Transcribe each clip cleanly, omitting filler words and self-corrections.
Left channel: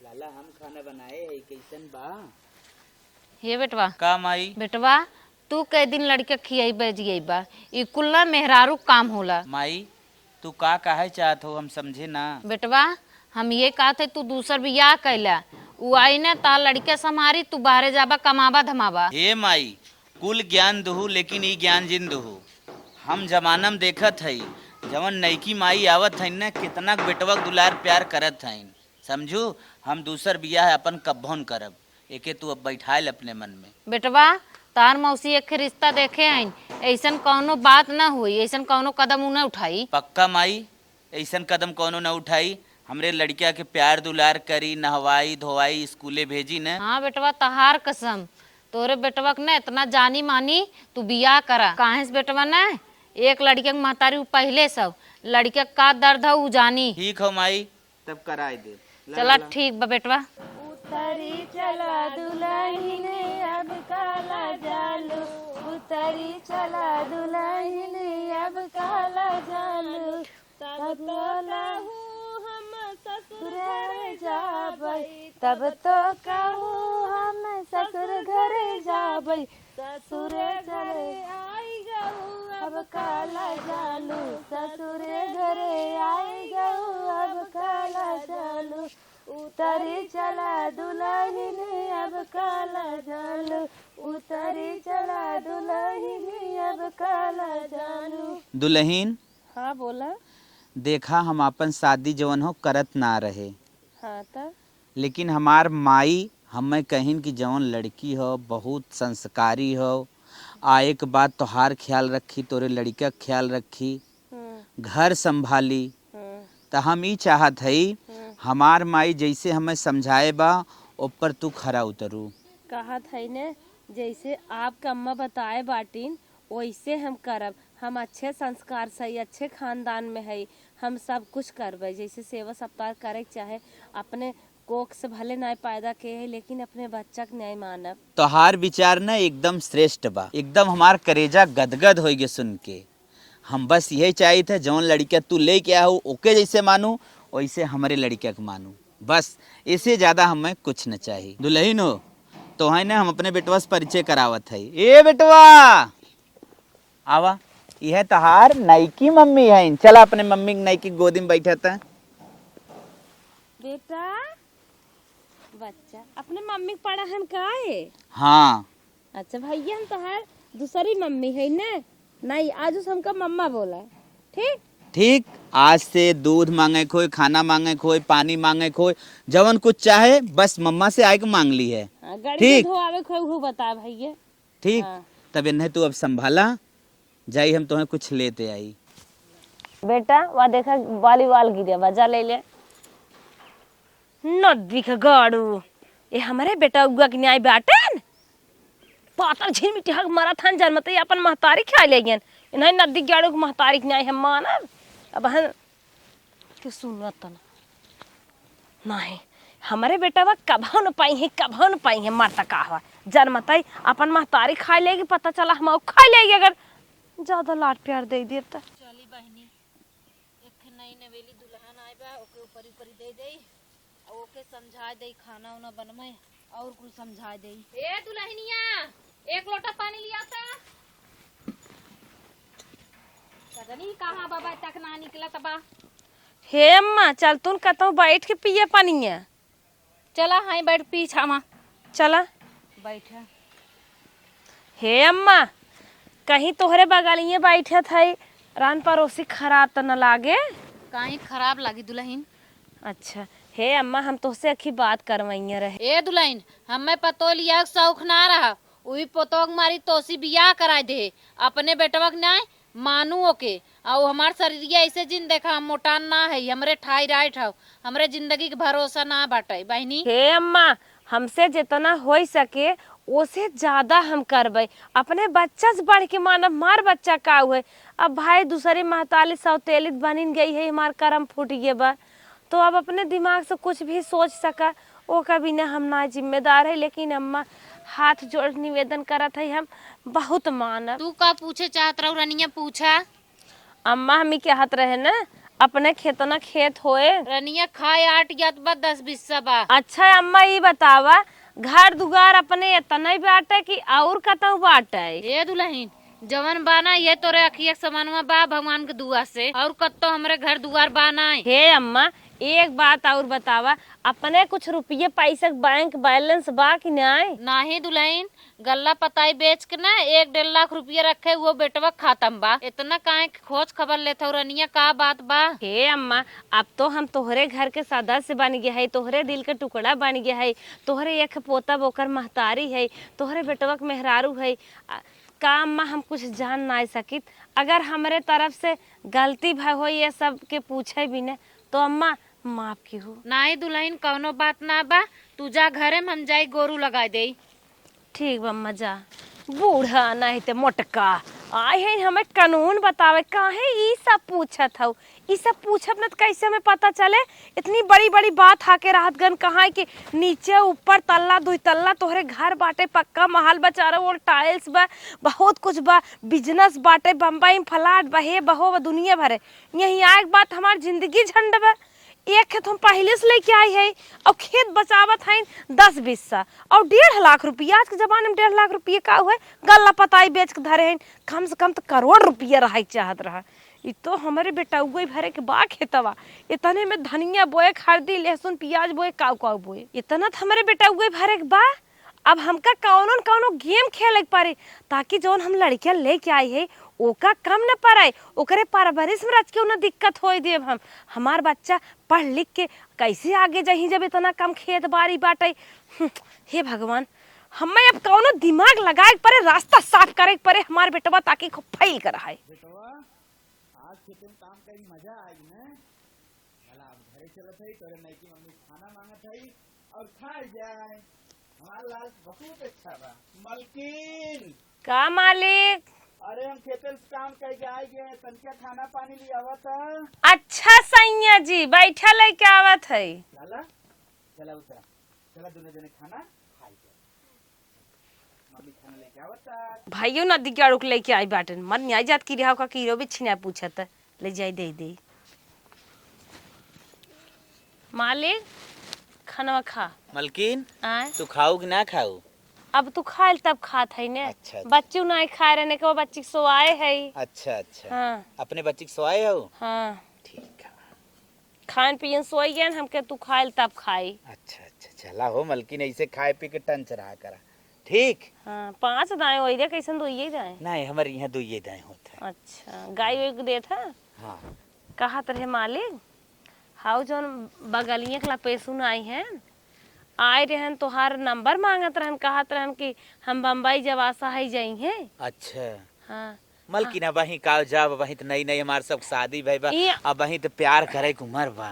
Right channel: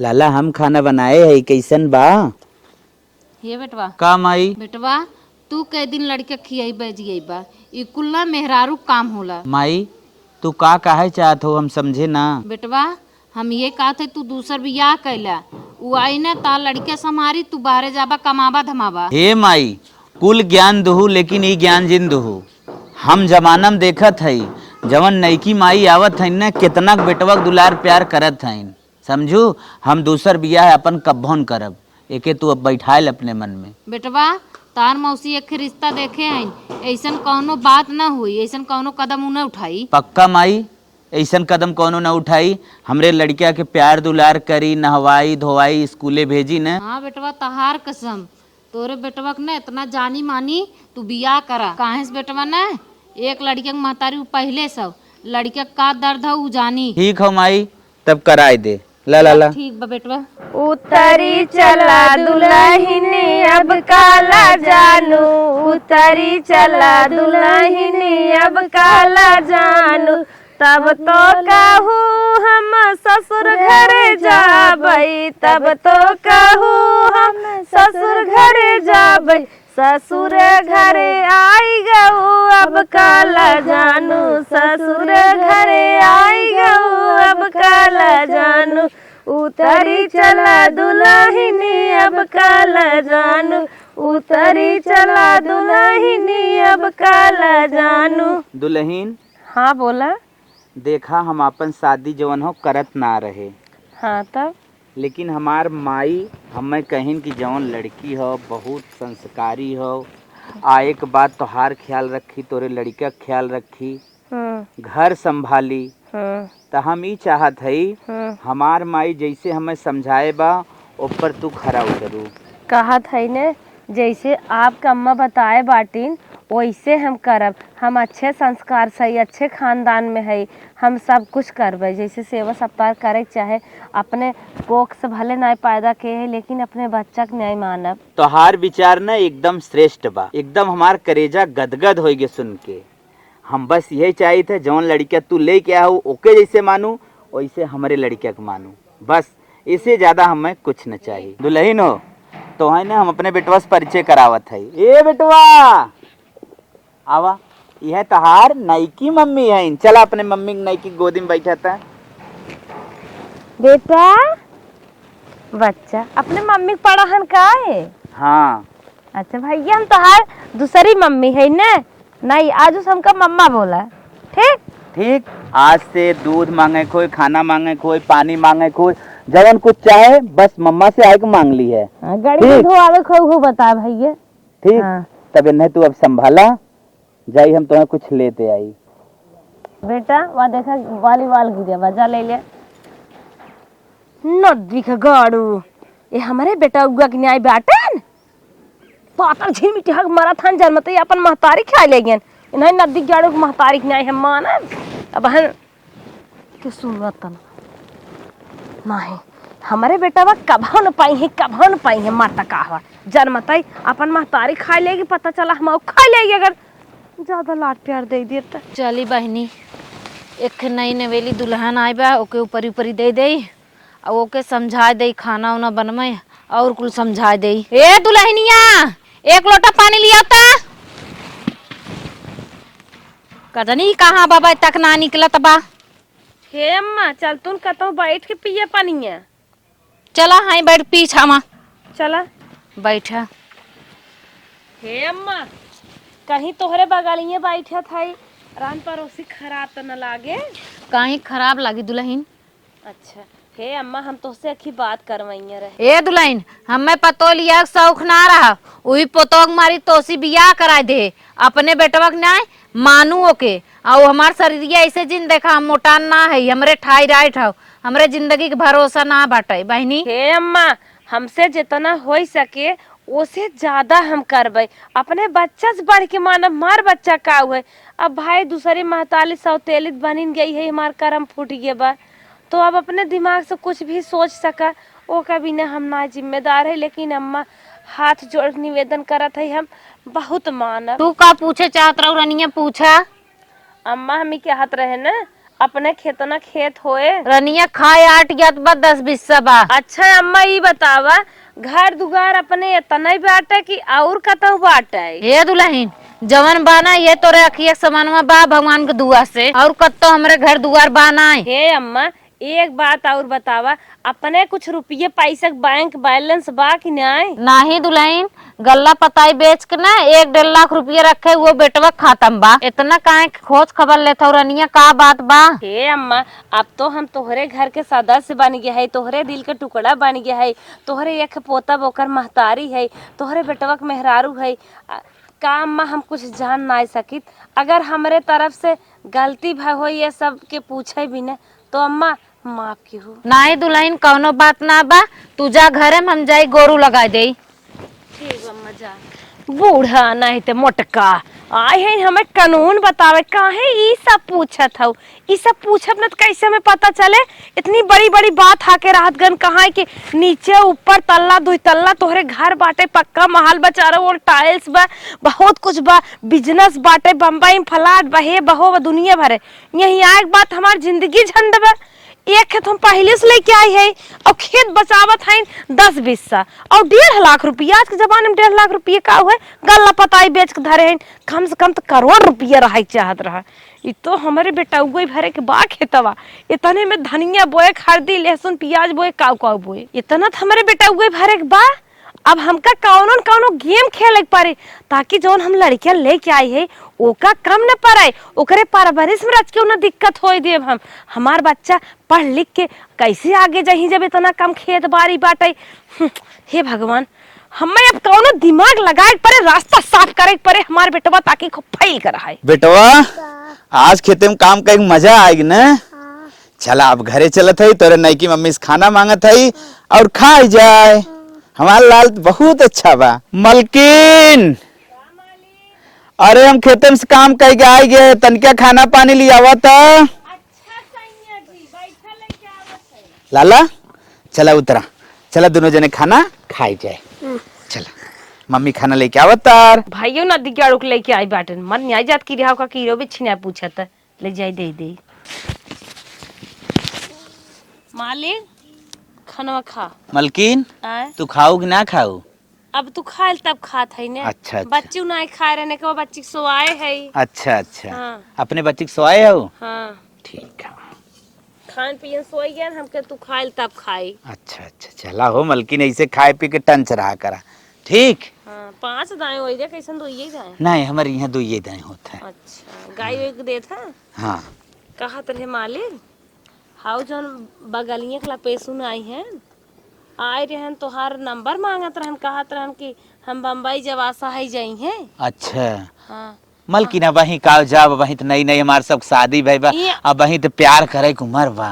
लाला हम खाना बनाए है कैसन बा। हे बेटवा का माई? बेटवा तू कई दिन लड़के खियाई बजिए बा ई कुल ना मेहरारू काम होला। माई तू का काहे चाहत हो हम समझे ना। बेटवा हम ये कहते तू दूसर बियाह कैला उ आई ना ता लड़के समारी तू बाहरे जाबा कमाबा धमाबा। हे माई कुल ज्ञान दुहू लेकिन ई ज्ञान जिन दुहू। हम जमाना में देखत हई जवन नईकी माई आवत हईन ना कितना बेटवक दुलार प्यार करत हईन। समझू हम दूसर बियाह अपन कब्बोन करब एके तू अब बैठाल अपने मन में। बेटवा तार मौसी एक रिश्ता देखे आइन ऐसन कौनो बात ना हुई ऐसन कौनो कदम उ न उठाई। पक्का माई ऐसन कदम कौनो न उठाई। हमरे लड़किया के प्यार दुलार करी नहवाई धोवाई स्कूले भेजी न। हाँ बेटवा तहार कसम तोरे बेटवा के ना इतना जानी मानी तू बियाह करा काहे से बेटवा ना एक लड़के के महतारी पहले सब लड़के का दर्द है उ जानी। ठीक हो माई तब कराए दे। ला ला ला ठीक बा बेटवा। उतरी चला दुल्हनी अब काला जानू उतरी चला दुल्हनी अब काला जानू तब तो कहूँ हम ससुर घरे जाबई तब तो कहूँ हम ससुर घरे जाबई ससुर घरे आई गऊ अब काला जानू ससुर घरे आई गऊ अब काला जानू उतरी चला दुल्हनी अब काला जानू उतरी चला दुल्हनी अब काला जानू। दुल्हीन हाँ बोला। देखा हम अपन शादी जवन हो करत ना रहे। हाँ तब लेकिन हमार माई हमें कहिन कि जवन लड़की हो बहुत संस्कारी हो आए के बाद तोहार ख्याल रखी तोरे लड़का ख्याल रखी घर संभाली। तो हम ही चाहत हई हमार माई जैसे हमें समझाए बा ऊपर तू खरा उतरू। कहा था ने जैसे आपका अम्मा बताए बाटिन वैसे हम करब। हम अच्छे संस्कार से अच्छे खानदान में है हम सब कुछ करबे जैसे सेवा सत्कार करे चाहे अपने कोख से भले न्याय पैदा के है लेकिन अपने बच्चा के न्याय मानब। तोहार विचार न एकदम श्रेष्ठ बा एकदम हमार करेजा गदगद होगे सुन के। हम बस यही चाहिए थे जौन लड़किया तू ले के आहू ओके जैसे मानू वैसे हमारे लड़किया के मानू बस इससे ज्यादा हमें कुछ न चाहिए। दुल्हन हो तो है ना हम अपने बेटवा से परिचय करावत है। ए बेटवा आवा यह तहार नईकी मम्मी है चला अपने मम्मी नईकी गोदी में बैठा था। बेटा बच्चा अपने मम्मी के पढ़ाहन का है। हाँ अच्छा भैया हम तोहार दूसरी मम्मी है ना नहीं आज हमका मम्मा बोला ठीक ठीक। आज से दूध मांगे कोई खाना मांगे कोई पानी मांगे कोई जवन कुछ चाहे बस मम्मा से आके मांग ली है। गाड़ी धोआवे खो बता भैया ठीक। तब इन्हें तू अब संभाला जाई हम तुम्हें कुछ लेते आई। बेटा वहाँ देखा वाली वाल गिरे बजा ले ले नदी का गाड़ू ये हमारे बेटा उगा के न्याय बाटन पातर झील मिट्टी हक माराथन जन्मते अपन महतारी खा ले गन नहीं नदी गाड़ू के महतारी न्याय हम मानब। अब हम के सुनत नहीं हमारे बेटा बा कभो न पाई है माता कहवा जन्मते अपन महतारी खा लेगी पता चला हम खा लेगी अगर ज्यादा लाड प्यार दे दिए तो। चली बहनी एक नई नवेली दुल्हन आई बा ओके ऊपरी ऊपरी दे दे और ओके समझा दे खाना उना बनमे और कुल समझा दे। ए दुल्हनिया एक लोटा पानी लिया था कदनी कहाँ बाबा तक ना निकलत बा। हे अम्मा चल तू कतौ बैठ के पिए पानी है चला हाई बैठ पीछा मा चला बैठा। हे अम्मा कहीं तोहरे बगलिए बैठे थे रान परोसी खराब तो न लागे कहीं खराब लगी दुल्हन। अच्छा हे अम्मा हम तुझसे अखी बात करवाइए रहे। ए दुल्हन हमें पतो लिया शौक ना रहा वही पोतोग मारी तोसी बियाह करा दे अपने बेटवा के न्याय मानू ओके और हमार शरीर ऐसे जिन देखा हम मोटान ना है हमरे ठाई राइट हो हमरे जिंदगी के भरोसा ना बाटे बहनी। हे अम्मा हमसे जितना हो सके उसे ज्यादा हम करबे अपने बच्चा से बढ़ के मानब मार बच्चा का हुए। अब भाई दूसरी महताली सौतेलित बनिन गई है हमार कर्म फूट गया बा तो अब अपने दिमाग से कुछ भी सोच सका ओ कभी न हम ना जिम्मेदार है लेकिन अम्मा हाथ जोड़ निवेदन करत है हम बहुत मानब। तू का पूछे चाहत रहो रनिया पूछा। अम्मा हमें क्या हाथ रहे ना अपने खेतना खेत होए। रनिया खाए 8 या 10 बिस्सा बा। अच्छा अम्मा ये बतावा, घर दुगार अपने इतना ही बाटे कि और कतहु बाटे? हे दुल्हन, जवन बाना ये तोरे अखिया समानवा बा भगवान के दुआ से, और कत्तो हमरे घर दुआर बाना है। हे अम्मा एक बात और बतावा, अपने कुछ रुपये पैसा बैंक बैलेंस बा कि नहीं? नाही दुल्हन, गल्ला पताई बेच के ना 1-1.5 लाख रुपया रखे, वो बेटवा खातम बा। इतना काहे खोज खबर लेता रनिया, का बात बा? हे अम्मा अब तो हम तोहरे घर के सदस्य बन गया है, तोहरे दिल के टुकड़ा बन गया है, तोहरे एक पोता बोकर महतारी है, तोहरे बेटवा के मेहरारू है। का अम्मा हम कुछ जान ना सकित? अगर हमरे तरफ से गलती भाई हो ये सब के पूछे भी न तो अम्मा माफ की हो। नाही दुल्हन, कौनो बात ना बा, तू जा घरे में, हम जाई गोरू लगा दे। ठीक बा अम्मा जा। बूढ़ा नहीं ते मोटका आए हैं हमें कानून बतावे, काहे ई सब पूछत हौ? ई सब पूछब न त कैसे हमें पता चले? इतनी बड़ी बड़ी बात हाके राहत गन कहा है कि नीचे ऊपर तल्ला 2 तल्ला तोहरे घर बाटे, पक्का महल बचारो, वो टाइल्स बा, बहुत कुछ बा, बिजनेस बाटे, बम्बई में फ्लैट बा, हे बहो दुनिया भरे। यही आए बात हमार जिंदगी झंड बा। एक खेत हम पहले से लेके आई है और खेत बचावत है 10 बिस्सा और 1.5 लाख रुपया। आज के जमाने में 1.5 लाख रुपये का हुआ? गल्ला पताई बेच के धरे हैं, कम से कम तो करोड़ रुपया रहा चाहत रहा। ये तो हमारे बेटा उगई भरे के बा खेतवा, इतने में धनिया बोए, हल्दी लहसुन प्याज बोए, काव बोए, इतना तो हमारे बेटा उगई भरे के बा। अब हमका कौनो गेम खेले पारे ताकि जो हम लड़कियां लेके आई है ओका कम न पड़े, ओकरे परवरिश में रच के उन्हें दिक्कत हो दे। हम हमार बच्चा पढ़ लिख के कैसे आगे जाही जब इतना कम खेत बाड़ी बाटे। हे भगवान, हमें अब कौनो दिमाग लगाए पड़े, रास्ता साफ करे पड़े हमारे बेटवा ताकि खूब फैल कर आए। बेटवा आज खेते में काम करके मजा आएगी न? चला अब घरे चलत है, तोरे नई की मम्मी से खाना मांगत है और खाई जाए। हमारा लाल बहुत अच्छा बा। मलकिन का मालिक? अरे हम खेते में से काम करके आए गए, तनिका खाना पानी ले आवत। अच्छा सैया जी बैठा लेके आवत है। लाला चला उतरा, चला दोनों जने खाना खाई जाए। चला मम्मी खाना लेके आवत तार। भाइयों ना दिगाड़ू के लेके आई बाटन, मन नहीं जात की रिहाव का कीरो भी छिना पूछत ले जाई दे। मालिक खाना खा। मलकिन आए? तू खाऊ कि ना खाऊ? अब तू खाल तब खात है ने। अच्छा, अच्छा। बच्चे नहीं खा रहे ने, के बच्चे सोआए है। अच्छा अच्छा। हाँ। अपने बच्चे के सोए हो? हाँ ठीक है। खान पियन सोई गए हमके, तू खाल तब खाई। अच्छा अच्छा चला हो मलकिन, ऐसे खाए पी के टंच रहा करा, ठीक? हाँ 5 दाएं होई रे, कैसन दोइए जाए? नहीं हमारे यहाँ 2 ये दाएं होता है। अच्छा गाय एक देत है? हाँ। कहा तरह मालिक हाउ जोन बगलिए के लपेसुन आई हैं, आए रहन तोहार नंबर मांगत रहन, कहत रहन कि हम बम्बई जवासा है जाई हैं। अच्छा हाँ मलकिन अब वहीं का जाब, वहीं तो नई नई हमारे सब शादी भाई बा, ये- अब वहीं तो प्यार करे के उम्र बा।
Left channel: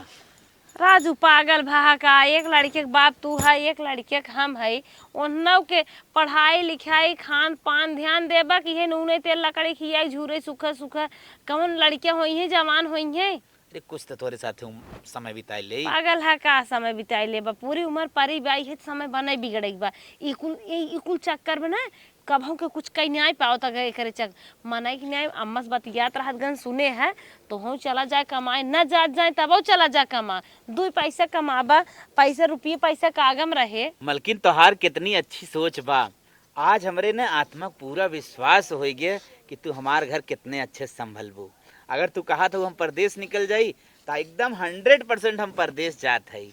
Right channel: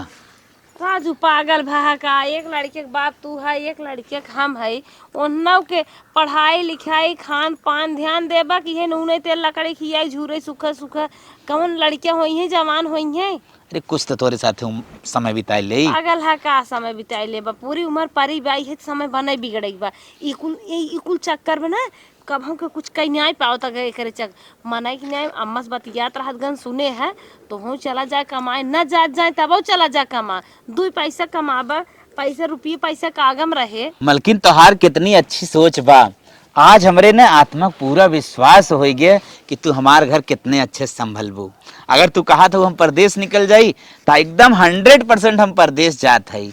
राजू पागल भा का, एक लड़के के बाप तू है, एक लड़के के हम है, उन्नव के पढ़ाई लिखाई खान पान ध्यान देबा कि हे नूने तेल लकड़ी खियाई झूरे सुखा सुखा, कौन लड़कियां होई हैं जवान होई हैं? अरे कुछ तो तोरे साथ समय बिताए ले। पागल है का समय बिताई ले बा, पूरी उम्र परी बाई है, समय बने बिगड़े बा। इकुल चक्कर में ना कब हमके कुछ कहीं नहीं पाओ तक करे चक मनाई कि नहीं अम्मस बतियात रहत गन सुने हैं तो हूँ चला जाए कमाए, न जात जाए तब चला जा कमा, 2 पैसा कमाबा, पैसा रुपये पैसा कागम रहे। मलकिन तोहार कितनी अच्छी सोच बा, आज हमरे ने आत्मा पूरा विश्वास हो गया कि तू हमार घर कितने अच्छे संभलबू। अगर तू कहा तो हम परदेश निकल जाई तो एकदम 100% हम परदेश जात है।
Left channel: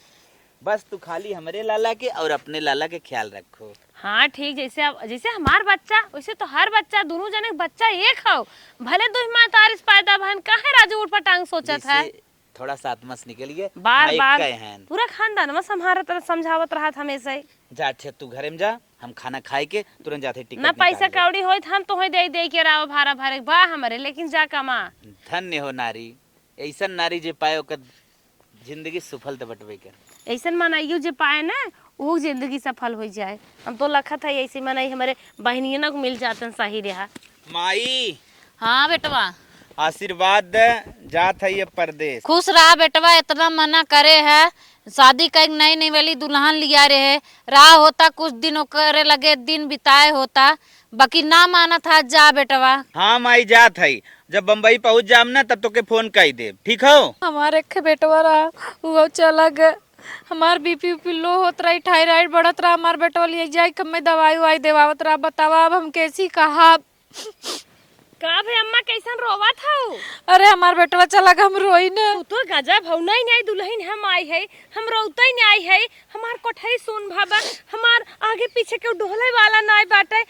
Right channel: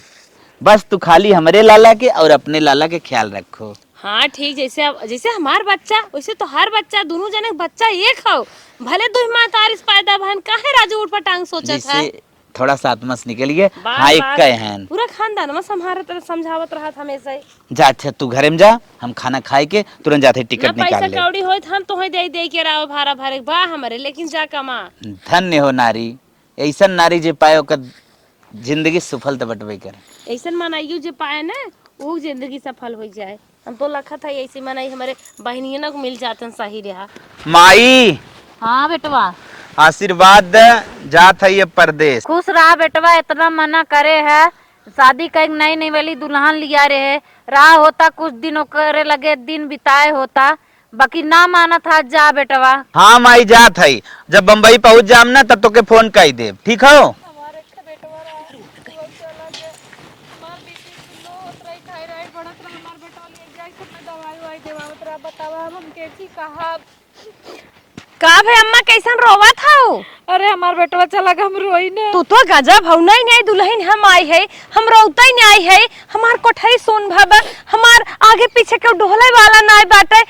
बस तू खाली हमरे लाला के और अपने लाला के ख्याल रखो। हाँ ठीक, जैसे हमार बच्चा वैसे तो हर बच्चा, दोनों जने के बच्चा एक हो, भले 2 माँ तारिस पैदा बहन, काहे राजू उठ पटांग सोचत है? जैसे थोड़ा सा आत्मा से निकल गया, बार हाँ एक बार कहे हैं। पूरा खानदान में संभारत समझावत रहत हमेशा ही। जा अच्छा तू घरे में जा, हम खाना खाए के तुरंत जाते ना टिकट पैसा निकाल ले। कौड़ी होई हम तो दे के राव भारा भरे बा हमरे, लेकिन जा कमा। धन्य हो नारी, ऐसा नारी जे पाए ओकर जिंदगी सफल तो बटबे करे। ऐसे मनाइयो जे पाए ना वो जिंदगी सफल हो जाए। हम तो लखत है ऐसे मनाई हमारे बहनियों ना मिल जाते हैं, सही रहा। माई हाँ बेटवा आशीर्वाद दे, जात है ये परदेश। खुश रहा बेटवा, इतना मना करे है, शादी का एक नई नई वाली दुल्हन लिया रहे, रहा होता कुछ दिन करे लगे दिन बिताए होता, बाकी ना माना था जा बेटवा। हाँ माई जात है, जब बम्बई पहुंच जाम ना तब तो के फोन कर दे, ठीक हो। हमारे एक बेटवा रहा वो चला गया, हमार बीपी उपी लो होत रही, थायराइड बढ़त रहा, हमार बेटवा ले जाए कब में दवाई उवाई देवावत रहा। बतावा अब हम कैसी कहा। का भे अम्मा कैसन रोवा था? अरे हमार बेटवा चला गया, हम रोई ने। तू तो गजब हौ, नहीं नहीं दुल्हन हम आई है, हम रोता ही नहीं आई है। हमार कोठरी सुन भाबा, हमार आगे पीछे के ढोले वाला नहीं बाटे।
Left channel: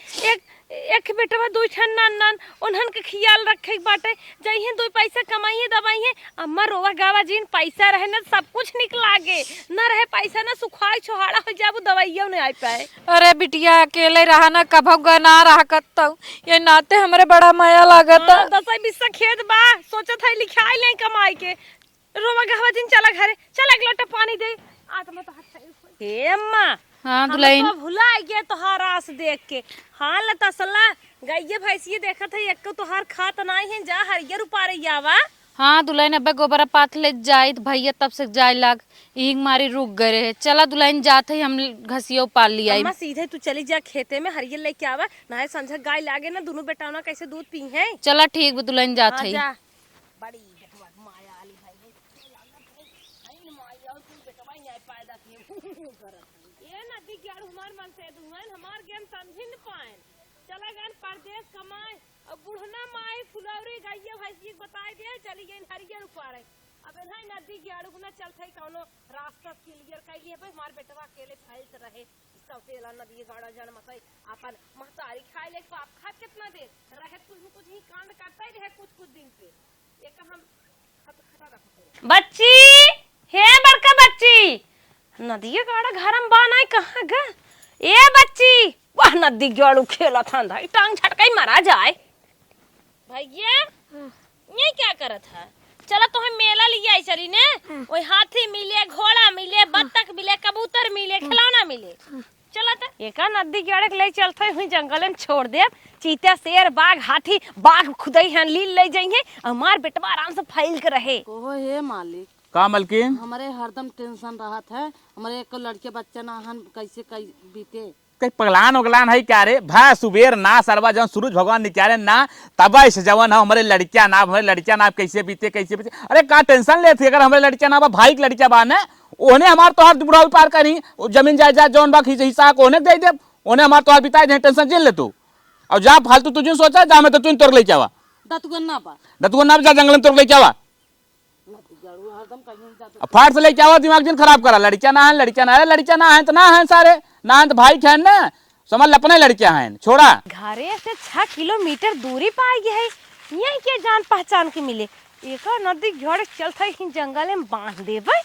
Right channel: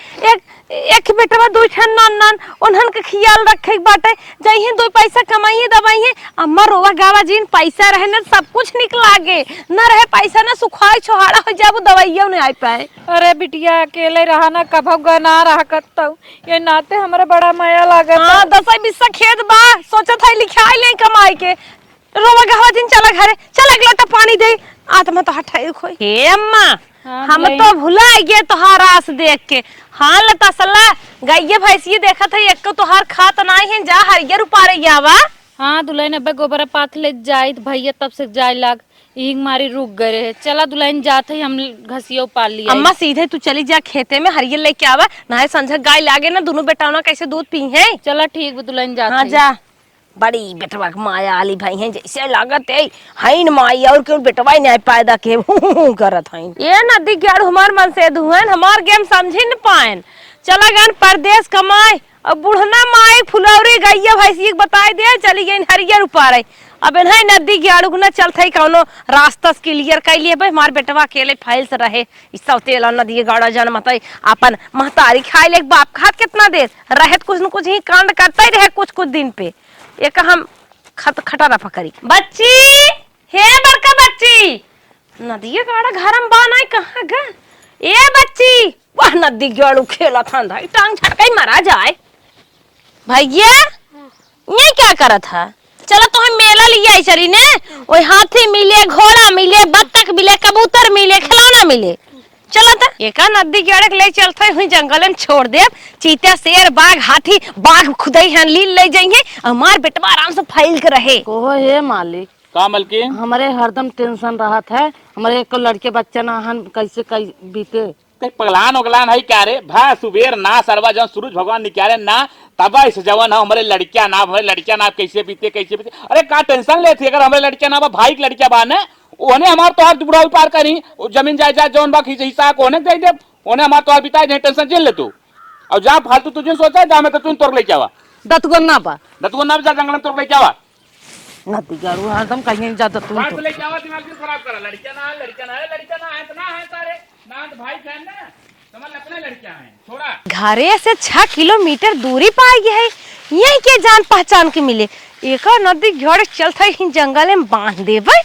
एक बेटवा दो छन नन नन उन्हन के ख्याल रखे बाटे, जइहे दो पैसा कमाइए दवाइए। अम्मा रोवा गावा जिन पैसा रहे ना सब कुछ निक लागे, न रहे पैसा ना सुखाए छोहाड़ा हो जाबो दवाइयो नहीं आ पाए। अरे बिटिया अकेले रहा ना, कभो गना रहा करता ये नाते हमारे बड़ा माया लागत। हां 10-20 खेत बा, सोचत है लिखाई ले कमाई के। रोवा गावा जिन चला घरे, चल एक लोटा पानी दे, आत्मा तो हटाई खोई। हे अम्मा हाँ, हम तो भुला गए तोहार आस देख के। हाँ लता सल्ला गाइये भैंसिए देखा था, एक को तोहार खात नहीं है, जा हरियर उपारे जावा। हाँ दुल्हन अब्बे गोबरा पाथ ले जाई भैया तब से जाए लाग ईंग मारी रुक गए रहे। चला दुल्हन जाते ही हम घसिया पाल लिया। अम्मा सीधे तू चली जा खेते में हरियर लेके आवा, ना संझा गाय लागे ना, दोनों बेटाओं कैसे दूध पी है। चला ठीक है दुल्हन जाते। हाँ जा, बड़ी बेटवा माया आली भाई हैं, जैसे लागत है हईन माई और क्यों बेटवा नहीं पैदा के करत हईन। ये नदी गेड़ हमार मन से दुहन हमार गेम समझी न पाएन। चला गन परदेश कमाए, अब बुढ़ना माई फुलौरी गैया भैंसी बताई दे, चली गई हरियर उपारे। अब इन्हें नदी गेड़ू न चलते कौनो रास्ता क्लियर कर लिए भाई, हमार बेटवा अकेले फैल से रहे। इससे तेल नदी गाड़ा जन मत अपन महतारी खाए ले, बाप खात कितना देर रहे, कुछ न कुछ ही कांड करता ही रहे कुछ कुछ दिन पे। एक हम खटा रफा करी बच्ची, हे बड़का बच्ची, नदी गाड़ा घर में बानाई कहाँ ग? ए बच्ची, वह नदी गाड़ू खेला था, टांग झटका ही मारा जाए। भैया ये क्या करा था? चलो तो हम मेला लिया आई चरी ने, वही हाथी मिले, घोड़ा मिले, बत्तख मिले, कबूतर मिले, खिलौना मिले। चलो तो एक नदी गेड़े ले चलते हुई जंगल में छोड़ दे, चीता शेर बाघ हाथी बाघ खुदाई हैं लील ले जाएंगे, हमार बेटवा आराम से फैल के रहे। ओ हे मालिक, का मलकिन हमारे हरदम टेंशन रहत है, हमारे एक लड़के बच्चा ना हन कैसे कई बीते। कई पगलान उगलान है क्या रे भा सुबेर ना सरवा जब सूरज भगवान निकाले ना तब इस जवन है हमारे लड़कियां ना, हमारे लड़कियां ना कैसे बीते कैसे बीते। अरे का टेंशन लेते अगर हमारे लड़कियां ना भाई की लड़कियां बा ने ओने हमार तोहर बुढ़ाऊ पार करी, जमीन जायदाद जौन बा हिस्सा ओने दे दे, ओने हमार तोहर बिताए दे, टेंशन झेल ले तू। और जा फालतू तुझे सोचा जा मैं तो तू तोड़ लेके आवा दतगन ना पा दतुआ ना जा जंगल में तोड़ लेके आवा, नदी गाड़ू हरदम कहीं जा दतु फाट से लेके आवा, दिमाग दिन खराब करा। लड़कियां ना है, लड़कियां ना है, लड़कियां ना है तो ना है सारे ना है तो भाई थे ना, समझ अपने लड़कियां हैं छोड़ा। घरे से 6 किलोमीटर दूरी पाई गई है, यही के जान पहचान के मिले। एक नदी घेड़ चलते ही जंगल में बांध देवे,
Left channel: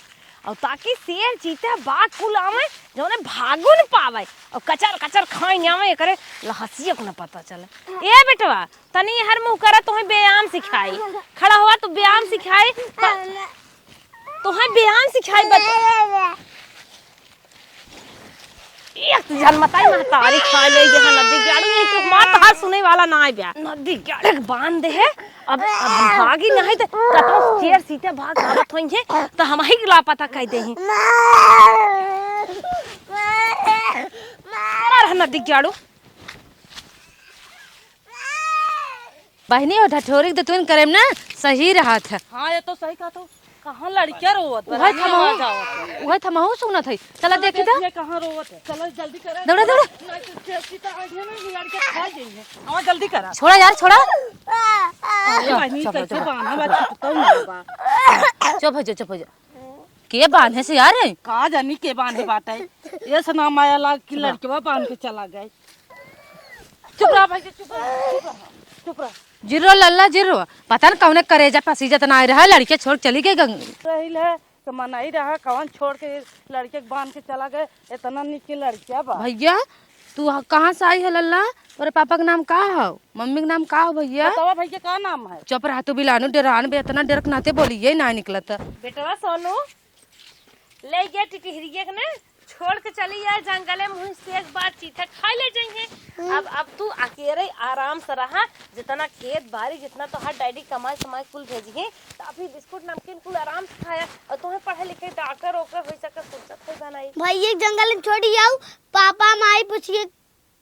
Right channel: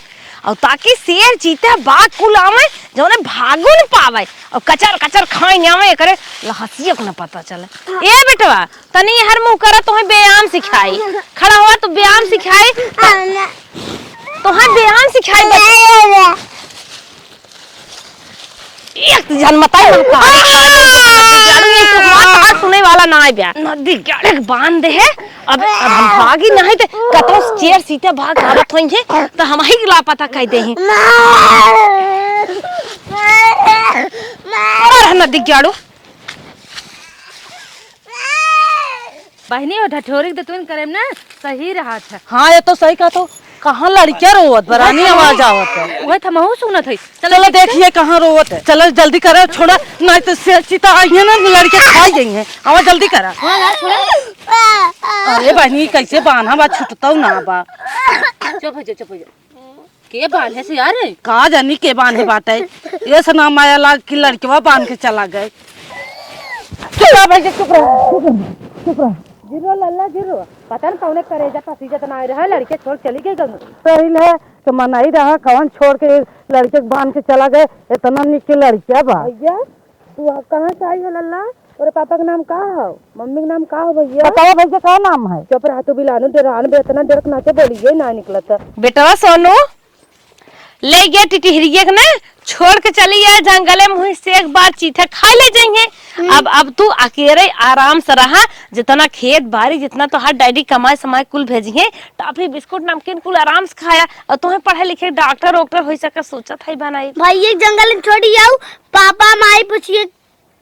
और ताकि शेर चीता बाघ कुल आवे जो ने भागो न पावे, और कचर कचर खाए न आवे, करे लहसिया को न पता चले। ए बेटवा तनी हर मुंह करा, तो व्यायाम सिखाई, खड़ा हुआ तो व्यायाम सिखाई, तो व्यायाम सिखाई बच्चा। एक जन मताई मन कहानी खा ले जो नदी गाड़ू, ये तो हमार बात सुने वाला ना है ब्याह। नदी गाड़े बांध दे है, अब हम भागी नहीं तो कतरो चेर सीते भाग आवत होई है, तो हम ही लापता कह दे हैं। और नदी गाड़ू बहनी ढठोरी दतवन करेम ना सही रहा था। हाँ ये तो सही कहा, तो कहाँ लड़कियां रोवत बरानी आवाज आवत है। वही था महू सुनत है। चलो देखिए कहाँ रोवत है, चलो जल्दी करो, छोड़ा नहीं तो शेर चीता आई है ना, लड़के खाई गई हैं, आवा जल्दी करा। छोड़ा यार छोड़ा, अरे बहनी कैसे बांधा बा, छुटता ना बा। चुप हो जा चुप हो जा, के बांधे से यार कहा जानी के बांधे बाटे, ये सना माया लाग की लड़कियां बांध के चला गए। जिरो लल्ला जिरो, पता न कौन करेजा पसीजा तना रहा, लड़के छोड़ चली गई गंगा। पहले तो मनाई रहा, कौन छोड़ के लड़के बांध के चला गए, इतना निक लड़किया बा। भैया तू कहाँ से आई है लल्ला, और पापा का नाम का है, मम्मी का नाम का है भैया? बताओ भैया क्या नाम है? चुप रहा, तू बिलानो डरान बे, इतना डर नाते बोलिए ना निकलता। बेटवा सोनू ले गया टिटहरिया के ना, छोड़ के चली है जंगले में, से एक बार चीता खा ले जाएंगे। अब तू अकेले आराम से रहा, जितना खेत बाड़ी जितना तो हर डैडी कमाए समाए कुल भेजिए, टॉफी बिस्कुट नमकीन कुल आराम से खाया, और तुम्हें पढ़े लिखे डॉक्टर वॉक्टर हो सके सोचा था ही बनाई। भाई एक जंगल में छोड़ी जाऊ, पापा माई पूछिए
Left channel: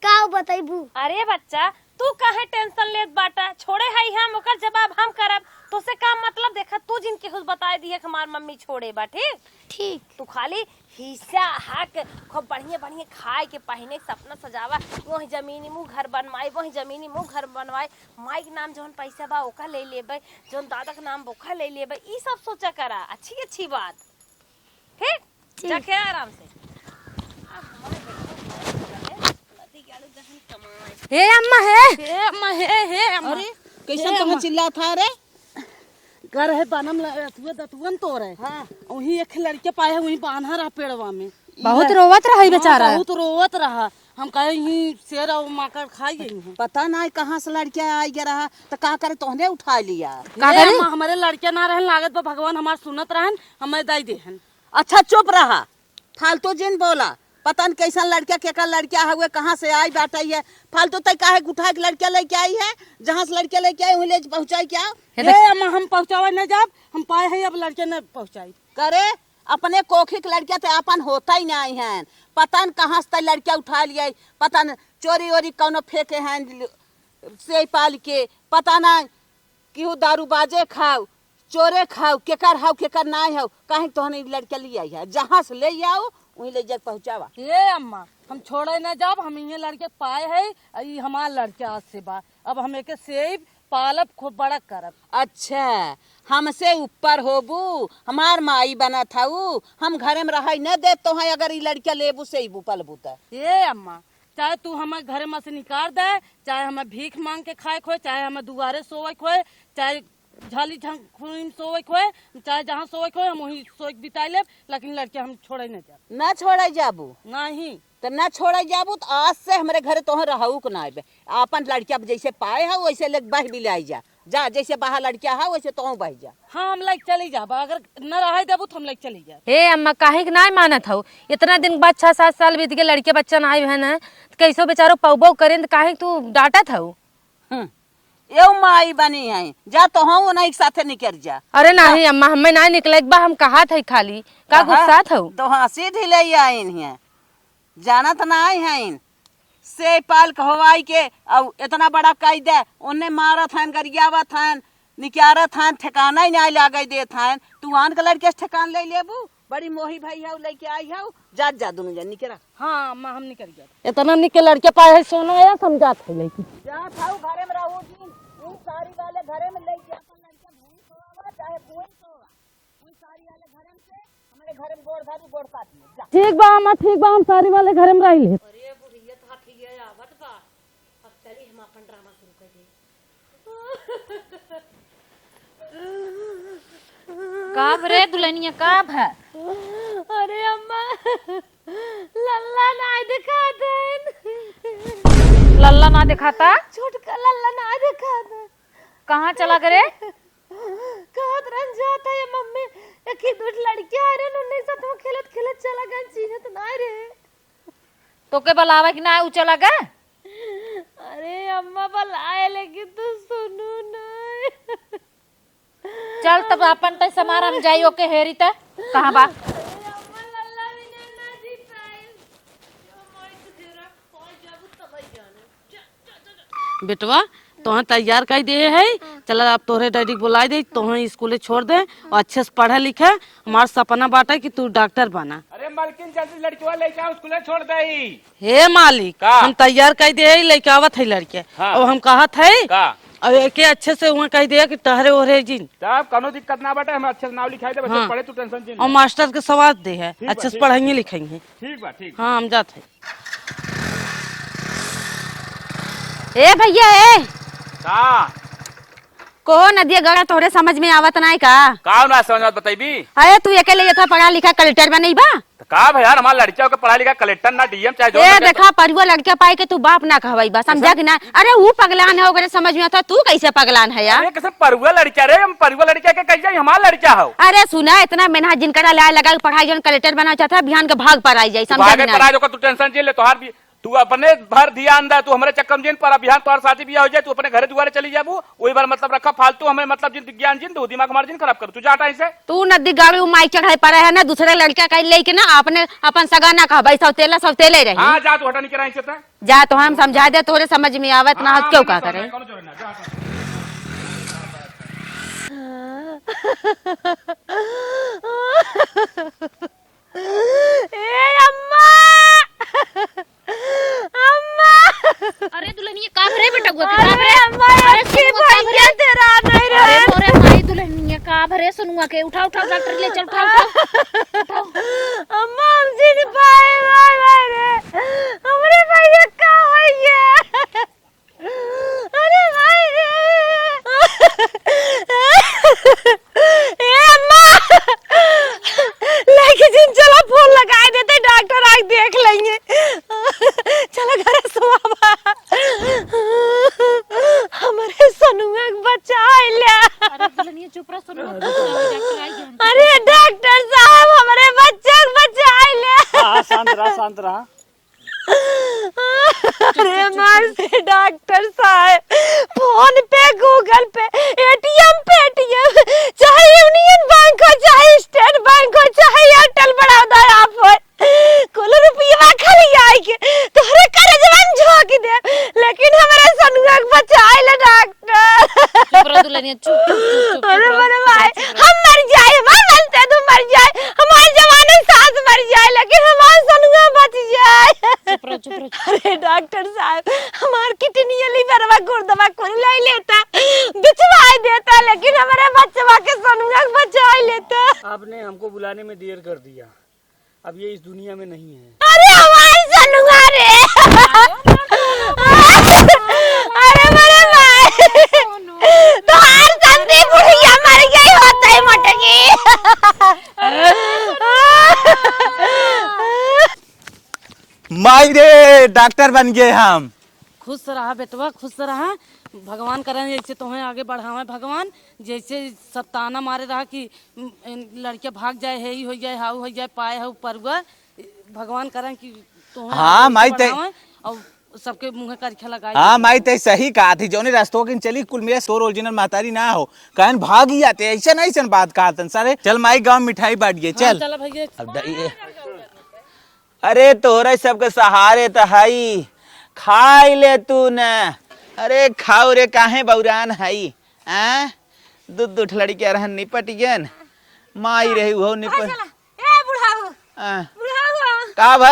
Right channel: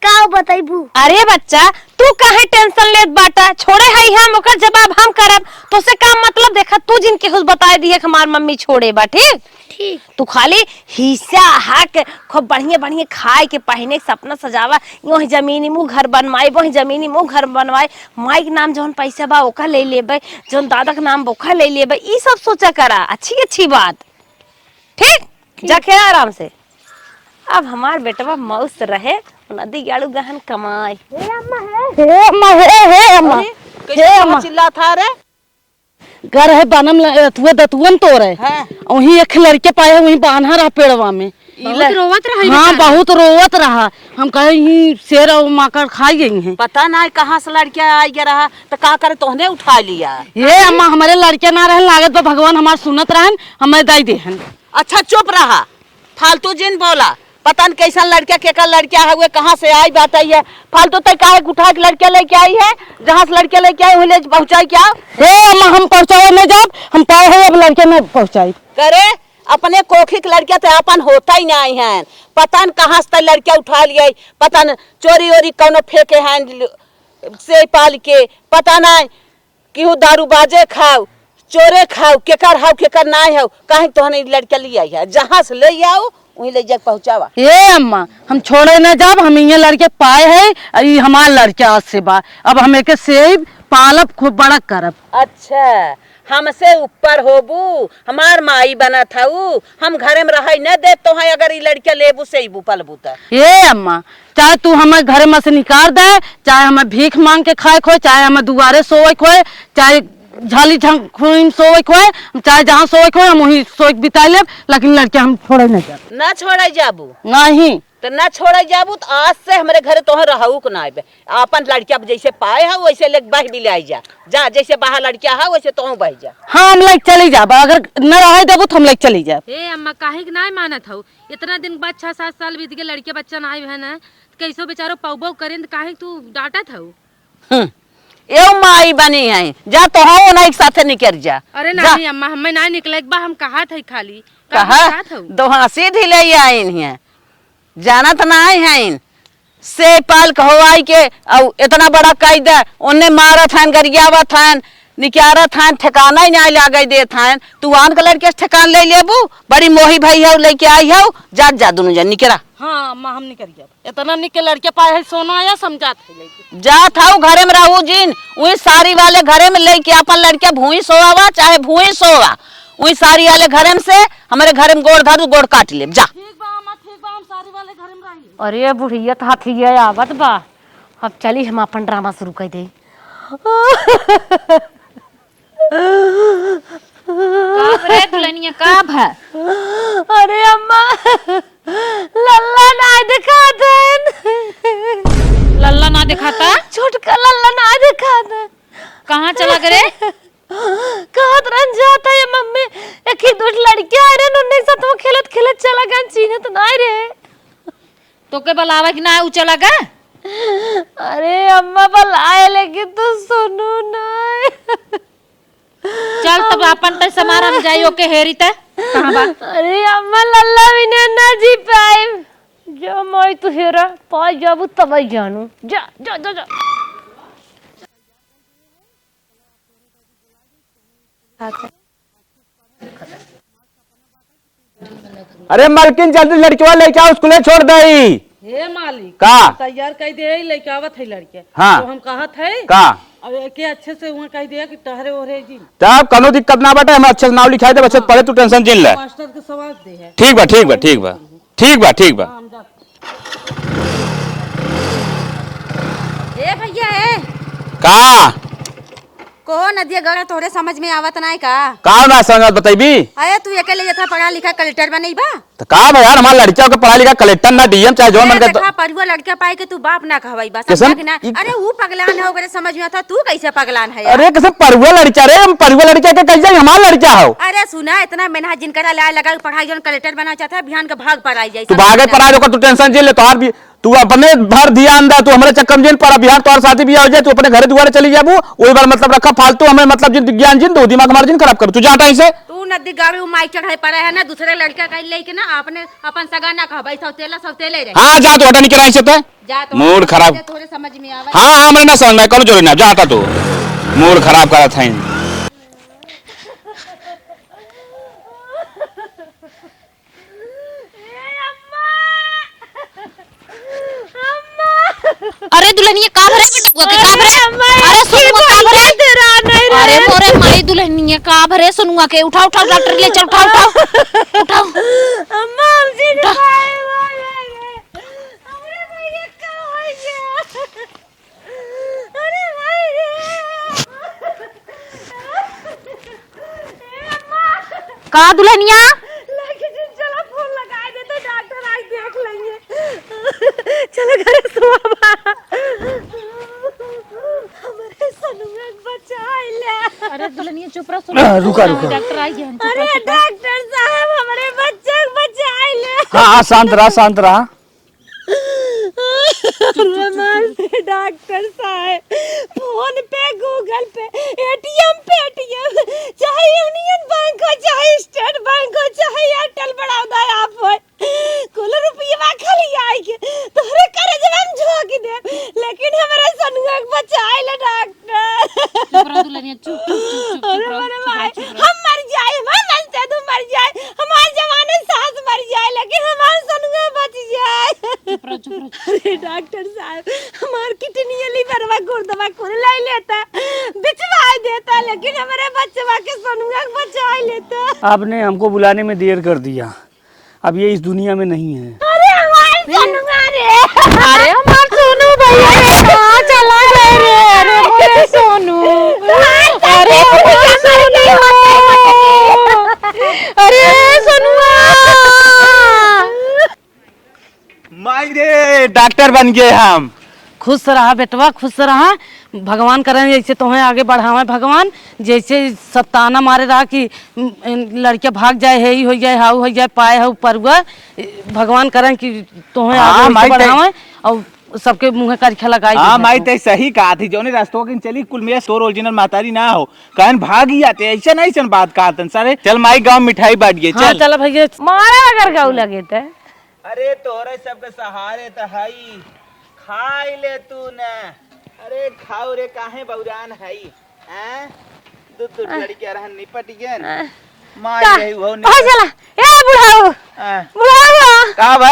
का बताइबू? अरे बच्चा तू काहे टेंशन लेत बाटा, छोड़े हई हम ओकर जवाब हम करब। तो से का मतलब देखा तू जिनके खुद बताए दिए कि हमार मम्मी छोड़े बा, ठीक ठीक। तू खाली हिस्सा हक खूब बढ़िया बढ़िया खाए के पहने के सपना सजावा, वही जमीनी मुँह घर बनवाए, वही जमीनी मुँह घर बनवाए, माई के नाम जौन पैसा बा ओका ले लेबे, जौन दादा के नाम ओका ले लेबे, ई सब सोचा करा। अच्छी अच्छी बात, ठीक जाके आराम से। अब हमार बेटवा मस्त रहे, नदी गाड़ू गहन कमाए। हे अम्मा हे हे अम्मा हे अम्मा कैसे अम्मा चिल्ला था रे? घर है बनम तुए दतुअन तो रे वही एक लड़के पाए वही बांधा रहा पेड़वा में, बहुत रोवत रही। हाँ बहुत रोवत रहा। हम कहे ही शेर और माकड़ खाई गई हैं। पता नहीं कहाँ से लड़कियां आई गया रहा तो का करे तोहने उठा लिया। ये अम्मा हमारे लड़के ना रहन लागत बा भगवान हमार सुनत रहन हमें दई देहन। अच्छा चुप रहा, फालतू जिन बोला। पता नहीं कैसा लड़किया केकर लड़किया है, वे कहाँ से आई बात आई है। फालतू तय काहे उठा के लड़किया लेके आई है, जहाँ से लड़किया लेके आई वहीं ले पहुँचाई क्या? हे अम्मा हम पहुँचाओ नहीं जाब, हम पाए है अब लड़के नहीं पहुँचाई। करे अपने कोखी की लड़किया तो अपन होता ही नहीं है। पता न कहाँ से लड़किया उठा लिया, पता न चोरी ओरी कौनो फेंके हैं से पाल के, पता नहीं क्यों दारू बाजे खाओ चोरे खाओ, केकर हाउ केकर नहीं हो, कहीं तो लड़किया ले आई है, जहाँ से ले आओ वहीं ले जाके पहुँचावा। हे अम्मा हम छोड़े न जाब, हम ये लड़के पाए है, हमार लड़के आज से बा, अब हम एक सेब पालब खूब बड़ा करब। अच्छा हमसे ऊपर होबू, हमार माई बना था हम घरे में रह न दे तो है, अगर ये लड़किया लेबू से पलबू तो। हे अम्मा चाहे तू हमें घर में से निकाल दे, चाहे हमें भीख मांग के खाए खोए, चाहे हमें दुआरे सोए खोए, चाहे झाली झंग सोए खोए, चाहे जहाँ सोए खोए हम वही सोए बिता ले, लेकिन लड़के हम छोड़े नहीं जाब। ना छोड़े जाबू नहीं तो ना छोड़े जाबू तो आज से हमारे घरे तो रहू को ना आबे। अपन लड़किया जैसे पाए है वैसे ले बह भी ले आई जा, जा जैसे बाहर लड़किया है वैसे तो बह जा। हाँ हम लेके चली जाब, अगर न रहे देबू तो हम लेके चली जाब। हे अम्मा काहे के ना मानत हो, इतना दिन बाद 6-7 साल बीत गए लड़के बच्चा ना आए है ना, कैसो बेचारो पौबो करें तो काहे तू डांटत हो? ए माई बनी है, जा तो हो ना एक साथे निकल जा। अरे नहीं अम्मा हमें ना निकले, एक बार हम कहा था खाली कहा दोहा सीधी ले आइन है, जाना तो ना है से पाल कहवाई के और इतना बड़ा कायदा उन्ने मारा था गरियावा था निकारा था, ठिकाना ही नहीं लागे दे था। तू आन का लड़के ठिकान ले लेबू, बड़ी मोही भाई है लेके आई है, जा जा दोनों जन निकला। हाँ अम्मा हम निकल जाब, इतना निकल लड़के पाए सोना आया समझात जा था घरे में रहू जिन वही सारी वाले घरे में लेके अपन लड़किया भूई सोवा चाहे भूई सोवा, वही सारी वाले घरे में से हमारे घरे में गोड़ धरू गोड़ काट ले जा। ठीक बा अम्मा ठीक बा, हम सारी वाले घर में रही ले। अरे बुढ़िया हाथी आवत बा, अब चली हम अपन ड्रामा शुरू कर दे। अरे अम्मा लल्ला ना दिखा देन, लल्ला ना दिखाता, छोटका लल्ला ना दिखा देन। कहाँ चला करे? कहत रन जाता है मम्मी, एक ही दूठ लड़कियां आ रहे उन्हीं साथ वो खेलत खेलत चला गन चीने तो नहीं रे। तो के बलावे कि ना ऊंचा लगा? अरे अम्मा बुलाए लेकिन तू सुनू नहीं। चल तब अपन तय समारन जाइयो के हेरी त कहां बा? अरे अम्मा लल्ला बिना ना जी पाए, जो मैं तू हेरा पा जाबू तब जानू, जा जा जा जा। बेटवा तोह तैयार कर दे है, चल अब तोहरे डैडी बुला दे, तोह स्कूल छोड़ दे और अच्छे से पढ़े लिखे, हमारा सपना बाटा कि तू डॉक्टर बना। अरे मालकिन जल्दी लड़किया लेके आओ, स्कूल छोड़ दे। हे मालिक का? हम तैयार कर दे है, लेके आवत है लड़के। हाँ। तो हम कहत है का के अच्छे से वहाँ कह दिया कि टहरे ओहरे जिन, तब कोनो दिक्कत ना बाटे, हम अच्छे से नाम लिखाई दे, बच्चे पढ़े तू टेंशन जिन ले। मास्टर के सवाल दे है। ठीक बा ठीक बा ठीक बा ठीक बा ठीक बा। हाँ हम जाते। ए भैया ए का को नदिया गड़ा तोरे समझ में आवत नहीं का ना समझ बताइबी? अरे तू अकेले ये तो पढ़ा लिखा कलेक्टर बा नहीं बा? तो का बा यार, हमार लड़कियों के पढ़ा लिखा कलेक्टर ना डीएम चाहे जो मन देखा परिवा लड़का पाए के तू बाप ना कहवाई बा, समझा कि ना? अरे वो पगलान है ओकरे समझ में आता, तू कैसे पगलान है यार? अरे कैसे परुआ लड़का रे, हम परुआ लड़का के कैसे हमार लड़का हो? अरे सुना इतना मेहनत जिनका लाया लगा पढ़ाई जन कलेक्टर बना चाहता बिहान के भाग पर आई जाए, तू भागे पर आ, तू टेंशन जिन ले, तू अपने भर ध्यान दा, तू हमारे चक्कर में जिन पर बिहार तोर शादी बियाह हो जाए, तू अपने घर दुआरे चली जाबू, वही बार मतलब रखा फालतू हमें मतलब जिन ज्ञान जिन दो दिमाग हमारा जिन खराब कर, तू जा टाइम से। तू नदी गाड़ी माई चढ़ाई पड़ा है ना, दूसरे लड़का का लेके ना अपने अपन सगाना कहा भाई सौतेले रहे। हाँ जा तो हटा नहीं कराई से तो जा तो मूड हम खराब। समझा दे, तोरे समझ में आवे। हाँ हाँ मैं ना समझ में कौन जोड़ी ना जाता, तू मूड खराब करा था। अरे दुल्हनिया का भरे बेटा गुआ के का भरे? अरे सुनुआ का भरे? अरे मोरे माई दुल्हनिया का भरे? सुनुआ के उठाओ उठाओ, डॉक्टर ले चल, उठाओ उठाओ उठाओ। अम्मा हमसे नहीं भाई भाई रे, हमरे भाई का हो गया। अरे भाई ए अम्मा का दुल्हनिया लेके जिन चलो फोन लगाए देते, डॉक्टर आके देख लेंगे। चलो घर सोवा, हमारे सनुआ के बचा ले। अरे दुल्हनिया चुप रह, सुन रुका डॉक्टर आई है। अरे डॉक्टर साहब हमारे बच्चे को बचा ले। हाँ शांत रहा शांत रहा। अरे मासी डॉक्टर साहब, फोन पे गूगल पे एटीएम पेटीएम, चाहे यूनियन बैंक हो, चाहे स्टेट बैंक हो, चाहे एयरटेल बड़ौदा आप हो, कुल रुपया खाली आई के तोहरे करे जवान झोंक दे, लेकिन हमारे सनुआ के बचाए ले डॉक्टर। चुप रह दुल्हनिया, चुप चुप चुप। अरे मेरे भाई हम मर जाए, हम मनते तू मर जाए, हमारे जवान सास मर जाए, लेकिन हमारा सनुआ बच जाए। चुप रह चुप रह। अरे डॉक्टर साहब, हमार किडनी लीवरवा गुर्दवा को ले लेता, बिचवाई देता, लेकिन हमारे बच्चवा के सनुआ बचाई लेता। आपने हमको बुलाने में देर कर दिया, अब ये इस दुनिया में नहीं है। अरे हमारे सनुआ रे, अरे हमार सोनू भाई कहां चला गया? अरे सोनू तुम्हारे सामने बुढ़िया मर गई होता है मटकी। अरे सोनुआ माई रे डॉक्टर बन गए हम। खुश रहा बेटवा, खुश रहा। भगवान करें जैसे तुम्हें आगे बढ़ावे भगवान, जैसे सताना मारे रहा कि लड़के भाग जाए, है ही हो जाए, हाउ हो जाए, पाए है ऊपर हुआ। भगवान करें कि तुम्हें आगे माई बढ़ावे और सबके मुँह करखा लगाई। हाँ माई ते सही कहा थी, जोने रास्तों के चली कुल मेरा सोर ओरिजिनल मातारी ना हो, कहन भाग ही आते, ऐसा नहीं सन बात कहा तन सारे। चल माई गांव मिठाई बांट गए, हाँ चल। चल भैया, मारा अगर गाँव लगे थे। अरे तोहरे सबके सहारे तो हई, खाई ले तू न। अरे खाओ रे, काहे बौरान हई? दूध दूध लड़के रहन निपट गन, माई रही वो चला ए बुढ़ाऊ, बुढ़ाऊ का बा?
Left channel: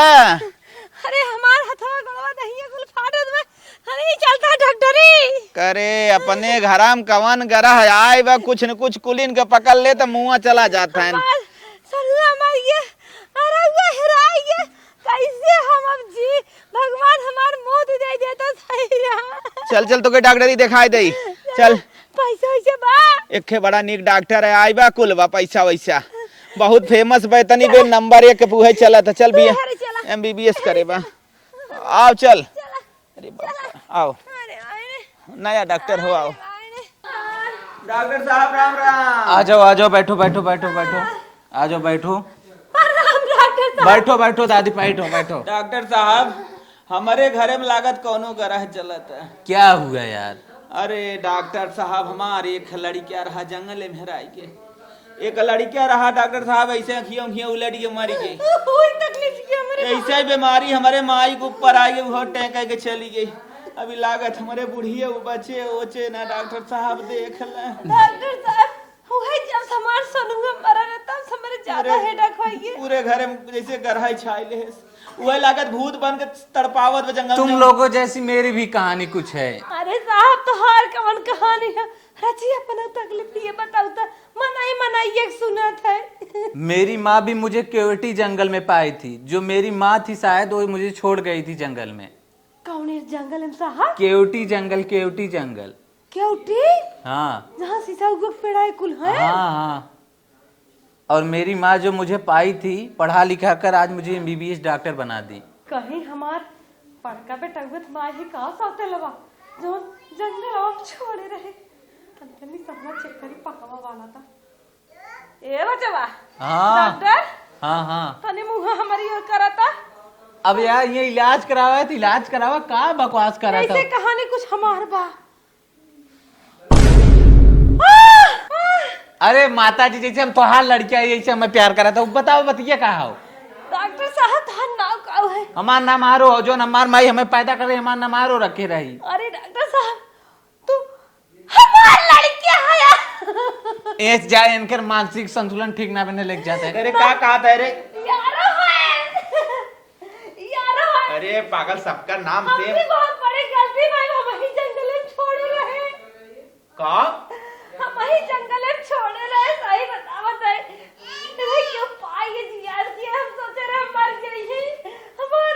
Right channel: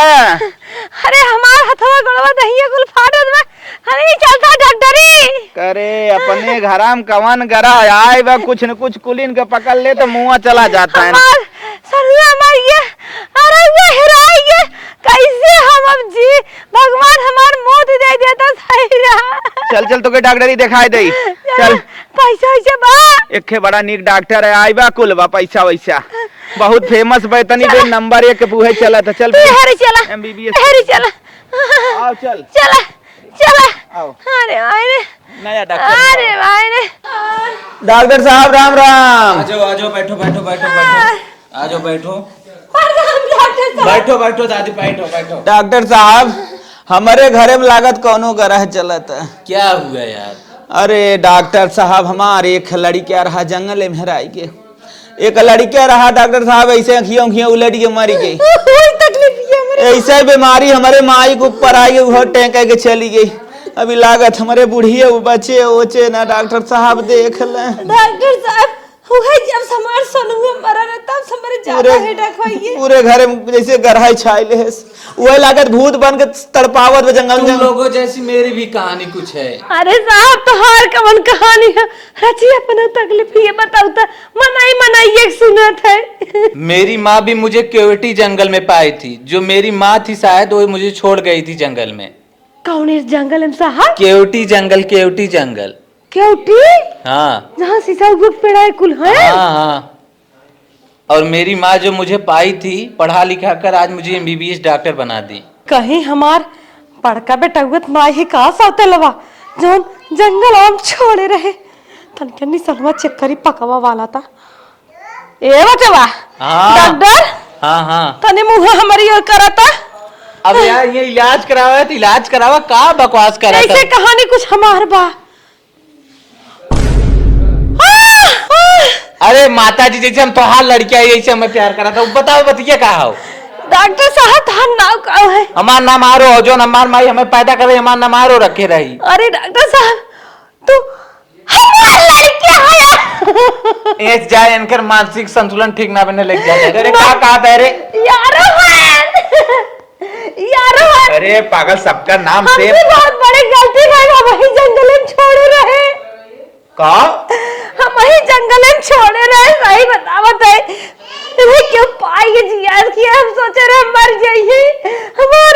अरे हमार हथवा गड़वा दहिया कुल फाटत बा, अरे चलता डॉक्टरी। करे अपने घराम कवन गरा है, आए बा कुछ न कुछ कुलीन के पकड़ ले तो मुँह चला जाता है। हमार सरुआ मर गया, अरे वो हेराई गया, कैसे हम अब जी? भगवान हमार मौत दे देता सही रहा। चल चल तो के डॉक्टरी दिखाई दे, चल। पैसा वैसा बा? एक बड़ा नीक डॉक्टर है, आइबा कुल बा पैसा वैसा, बहुत फेमस बैतनी बे, नंबर 1 बूहे चला था। चल हरी चला, MBBS हरी चला, आओ चल चला चला। आओ, अरे भाई रे, नया डॉक्टर। अरे भाई रे। डॉक्टर साहब राम राम। आ जाओ बैठो बैठो बैठो बैठो, आ जाओ बैठो डॉक्टर साहब, बैठो बैठो दादी बैठो बैठो। डॉक्टर साहब हमारे घरे में लागत कौनो गरह चलत है। क्या हुआ यार? अरे डॉक्टर साहब हमारे एक लड़किया रहा जंगल में हेराई के, एक लड़किया रहा डॉक्टर साहब ऐसे अखियों अखियों उलट के मरी गई। ऐसा बीमारी हमारे माई के ऊपर आई, वो टेंक के चली गई। अभी लागत हमारे बुढ़िया बचे ओचे ना, डॉक्टर साहब देख ले। डॉक्टर साहब हुआ जब समार सोनुआ मरा ना, तब हमारे ज्यादा हेडेक होई। पूरे घर में जैसे गरहाई छाइले है, वही लागत भूत बन के तड़पावत जंगल तुम जंगल। लोगों जैसी मेरी भी कहानी कुछ है। अरे साहब तो हार कवन कहानी है, रची अपना तकलीफ ये बताओ तो मनाई मनाई एक सुनत है। मेरी माँ भी मुझे केवटी जंगल में पाई थी, जो मेरी माँ थी शायद वो मुझे छोड़ गई थी जंगल में। कौन इस जंगल में साहब? केवटी जंगल, केवटी जंगल। केवटी? हाँ जहाँ शीशा उगुक पेड़ा है कुल है। हाँ हाँ। और मेरी माँ जो मुझे पाई थी, पढ़ा लिखा कर आज मुझे MBBS डॉक्टर बना दी। कहीं हमार बड़का बेटा हुआ माई ही कहा साथे लवा जो जंगल आम छोड़े रहे, तनकनी सलवा चेक करी पकवा वाला था। ए बचवा हाँ डॉक्टर, हाँ हाँ। तने मुंह हमारी ओर करता। अब यार ये इलाज करावा है तो इलाज करावा, का बकवास करा था। ऐसे कहानी कुछ हमार बा। अरे माता जी जैसे हम तोहार लड़किया जैसे हमें प्यार करा था, बताओ बतिया का हो। डॉक्टर साहब तार नाम का है? हमार नाम आरो हो, जो हमार माई हमें पैदा करे हमार नाम आरो रखे रही। अरे डॉक्टर साहब तू हमार लड़की है। एज जाए इनकर मानसिक संतुलन ठीक ना बने लग जाता है। अरे का कहा रे यार अरे पागल, सबका नाम से बहुत बड़ी गलती है, हम वही जंगल में छोड़े रहे। का हम वही जंगल में छोड़े रहे, सही बतावत है। तुम्हें क्यों पाएंगे जी यार कि हम सोचे रहे मर जाइए। हमार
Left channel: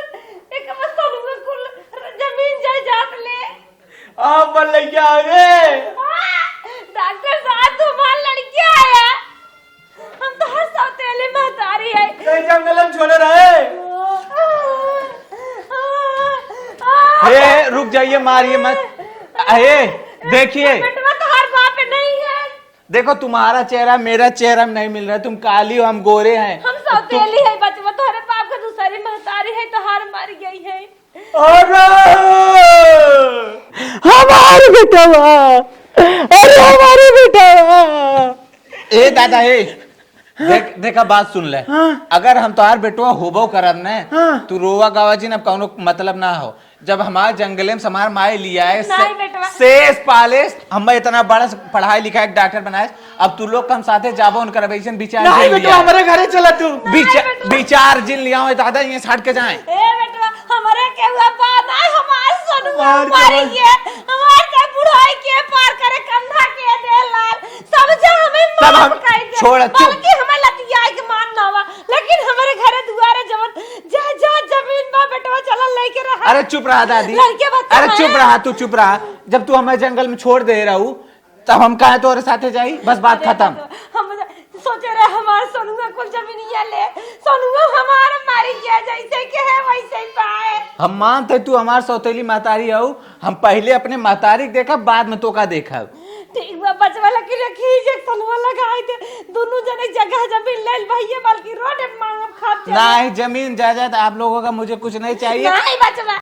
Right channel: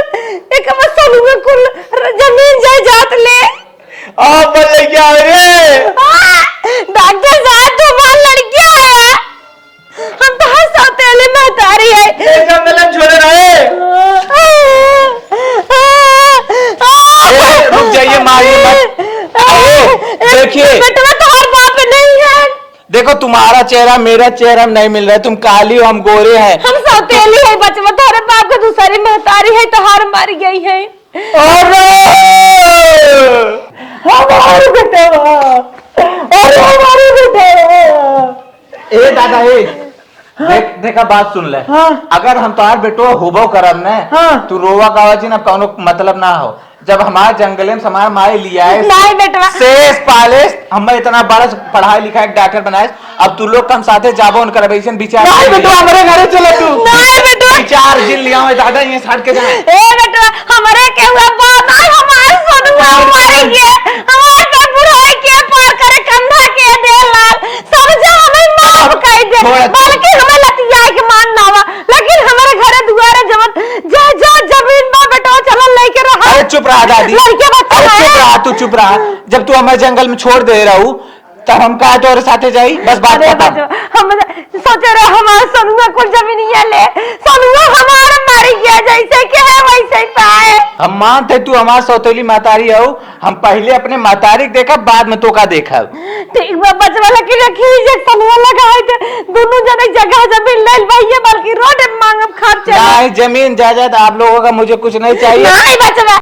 एक मसल में कुल जमीन जायदाद ले आप बोले क्या रे? डॉक्टर साहब तुम्हारी लड़की है, हम तो हर सौतेली महतारी है। ये जंगल में छोड़े रहे। रुक जाइए, मारिए मत। देखिए बेटा तुम्हारा बाप नहीं है। देखो तुम्हारा चेहरा मेरा चेहरा में नहीं मिल रहा है, तुम काली हो हम गोरे हैं। हम सौतेली है बचवा, तुम्हारे बाप का दूसरी महतारी है तो हार मार गई है। हमारे बेटा, हमारे बेटा। ए दादा ए देखा बात सुन ले। अगर हम तुम्हारे बेटो होबो करब न, तू रोवा गावा जी ना कौनो मतलब ना हो। जब हमारे जंगले में हमारे माए लिया है शेष पाले, हमें इतना बड़ा पढ़ाई लिखा है डॉक्टर बनाए, अब तू लोग हम साथे जाबो उनका विचार हमारे घरे चला। तू विचार जिन लिया हुआ दादा ये साथ के जाए। ए बेटा हमारे के हुआ बात है, हमारे सोनुआ मारी गया, हमारे का बुराई के पार करे कंधा के दे लाल समझा, हमें माफ कर दे, बल्कि हमें लतिया के मान ना हुआ, लेकिन हमारे घरे दुआरे जमन जा जा जमीन में बेटा चलन लेके रहा। अरे चुप रहा दादी, अरे चुप रहा, तू चुप रहा। जब तू हमें जंगल में छोड़ दे रहा हूँ तब हम कहा तो साथे जाई, बस बात खत्म। हम सोचे रहे हमारे सोनुआ को जमीन ये ले, सोनुआ हमारा मारी गया, जैसे कि है वैसे ही पाए। हम मानते तू हमारे सौतेली मातारी हो, हम पहले अपने मातारी देखा बाद में तो का देखा। ठीक बा बचवा लकी रखी सोनुआ लगाए थे, दोनों जने जगह जमीन ले भैया, बल्कि रोड मांगम खर्च नहीं जमीन जायदाद आप लोगों का मुझे कुछ नहीं चाहिए। नहीं बचवा